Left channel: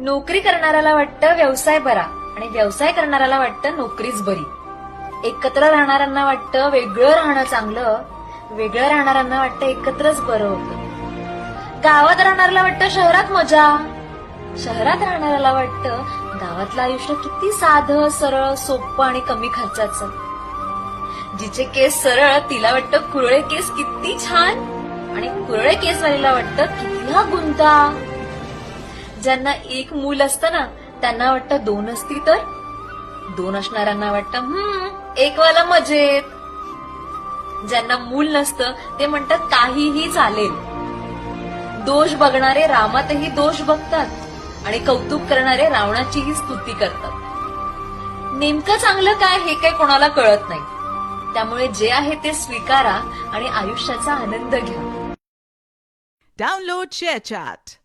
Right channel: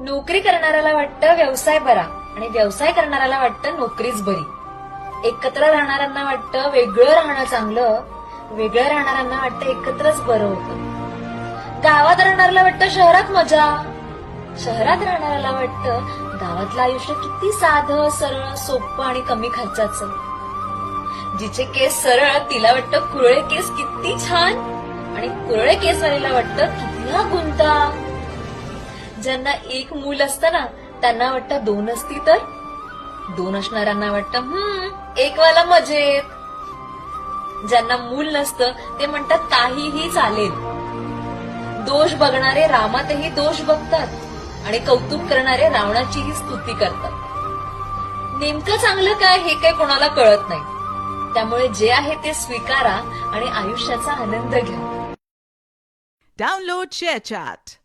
नोकरी करणाऱ्याला वाटतं व्यवसाय बरा आणि व्यवसाय करणाऱ्याला वाटतं नोकरीच बरी. एकत्र राहणाऱ्यांना वाटतं वेगळं राहणं चांगलं वेगळं राहणाऱ्यांना वाटतं एकत्रच बरं होतं. गावात राहणाऱ्याला वाटतं शहरात मजा शहरात राहणाऱ्याला वाटतं गावातलं आयुष्य किती साधं सरळ सोपं आणि कमी खर्चाचं. जिचे केस सरळ तिला वाटतं कुरळे केस किती छान आणि कुरळे केसवालीला वाटतं किती गुंता. ज्यांना एक मूल असतं ना त्यांना वाटतं दोन असती तर? दोन असणाऱ्यांना वाटतं हम्म एक मजेत. ज्यांना मूल नसतं ते म्हणतात काहीही चालेल. दोष बघणारे रामातही दोष बघतात आणि कौतुक करणारे रावणाचीही स्तुती करतात. नेमकं चांगलं काय हे काही कोणाला कळत नाही. त्यामुळे जे आहे ते स्वीकारा आणि आयुष्याचा आनंद घ्या. Download share chat